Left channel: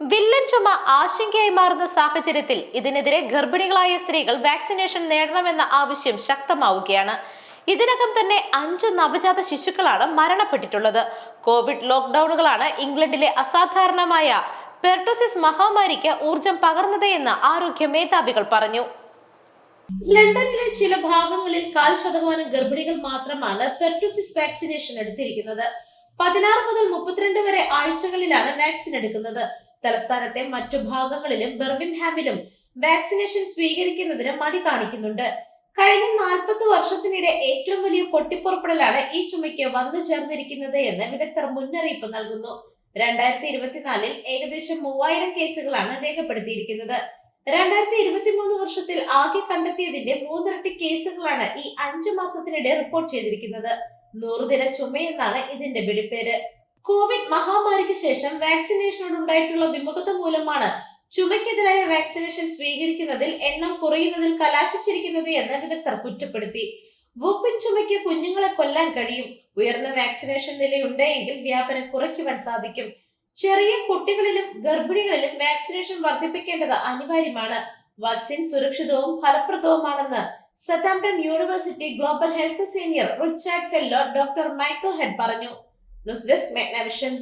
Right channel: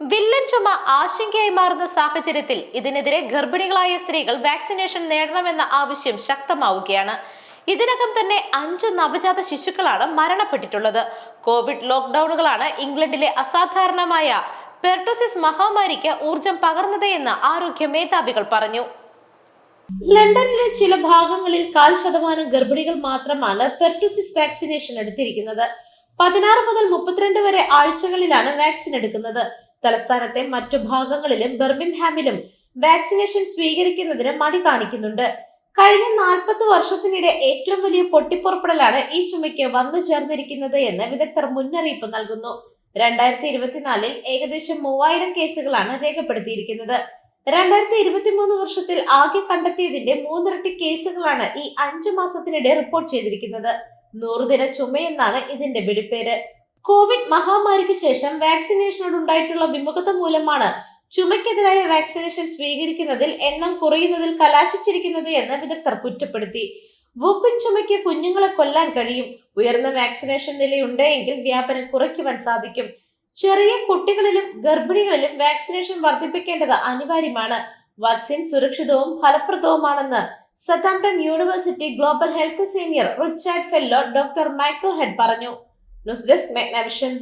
Villain ചുമ ആശങ്കയായി മാറുന്ന സാഹചര്യത്തിൽ ഇതിനെതിരെ ഗർഭിണികളായ സ്ത്രീകൾ വാക്സിനേഷൻ നേടണമെന്ന ആവശ്യം ശക്തമാവുകയാണ്. ഇതിനകം തന്നെ അഞ്ച് നവജാത ശിശുക്കളാണ് മരണപ്പെട്ടിട്ടുള്ളത്. കോവിഡ് ലോക്ക്ഡൌണുകളാണ് ഇംഗ്ലണ്ടിലെ അസാധാരണമായ പെർട്ടോസിസ് മഹാമാരിക്ക് ഊർജം പകർന്നതെന്ന് ആരോഗ്യ മേധാവികൾ പറഞ്ഞു. ലണ്ടനിലെ ചില ഭാഗങ്ങളിൽ കാൽ ശതമാനം ഗർഭിണികൾ മാത്രമാണ് പെർട്ടോസിസ് വാക്സിനേഷൻ എടുത്തിരിക്കുന്നത്. പതിനാറ് മുതൽ മുപ്പത്തിരണ്ട് വരെ ആഴ്ചകളിലാണ് വാക്സിൻ എടുക്കുന്നത്. തലസ്ഥാനത്തെ മറ്റു ഭാഗങ്ങളിലും ബെർമിംഹാമിലും വാക്സിനേഷൻ സ്വീകരിക്കുന്നതിന് മടി കാണിക്കുന്നുണ്ട്. കഴിഞ്ഞ നാൽപ്പത് വർഷത്തിനിടെ ഏറ്റവും വലിയ പൊട്ടിപ്പുറപ്പെടലാണ് ഈ ചുമയ്ക്ക് വന്നു ചേർന്നിരിക്കുന്നത് എന്ന് വിദഗ്ധർ മുന്നറിയിപ്പ് നൽകുന്നു. രണ്ടായിരത്തി ഇരുപത്തിനാലിൽ ഏകദേശം മൂവായിരം കേസുകളാണ് രേഖപ്പെടുത്തിയിരിക്കുന്നത്. രണ്ടായിരത്തി ഇരുപത്തി മൂന്ന് വർഷത്തിൽ ആകെ കണ്ടെത്തിയതിന്റെ മൂന്നിരട്ടി കേസുകളാണ് ഈ അഞ്ചു മാസത്തിനിടെ റിപ്പോർട്ട് ചെയ്തിരിക്കുന്നത്. നൂറുദിന ചുമയെന്നാണ് ഇതിന്റെ വെടിപ്പേര്. കോവിഡ് മഹാമാരിക്ക് ശേഷം വാക്സിനേഷനോട് ഉണ്ടായിട്ടുള്ള വിമുഖത മൂലമാണ് ചുമയ്ക്കെതിരായ വാക്സിനേഷൻ സ്വീകരിക്കുന്നതിൽ എണ്ണം കുറയുന്നതിൽ കലാശിച്ചിരിക്കുന്നത് എന്ന് വിദഗ്ധർ കുറ്റപ്പെടുത്തി. വൂപ്പിൻ ചുമയ്ക്ക് കുഞ്ഞുങ്ങളെ കൊല്ലാൻ കഴിയും. ഉയർന്ന വാക്സിനേഷൻ നിലയുണ്ടെങ്കിൽ വ്യാപനം കുറയ്ക്കുവാൻ സാധിക്കും. ചെറിയ കുട്ടികളിലും ഗർഭിണികളിലും വാക്സിനേഷൻ വർദ്ധിപ്പിക്കേണ്ടത് അനിവാര്യമാണ്. വാക്സിൻ സുരക്ഷിതവും ഫലപ്രദവുമാണെന്ന് Southampton university global health senior Richard fellow doctor Michael Head പറഞ്ഞു. News desk മെഗ്നവിഷൻ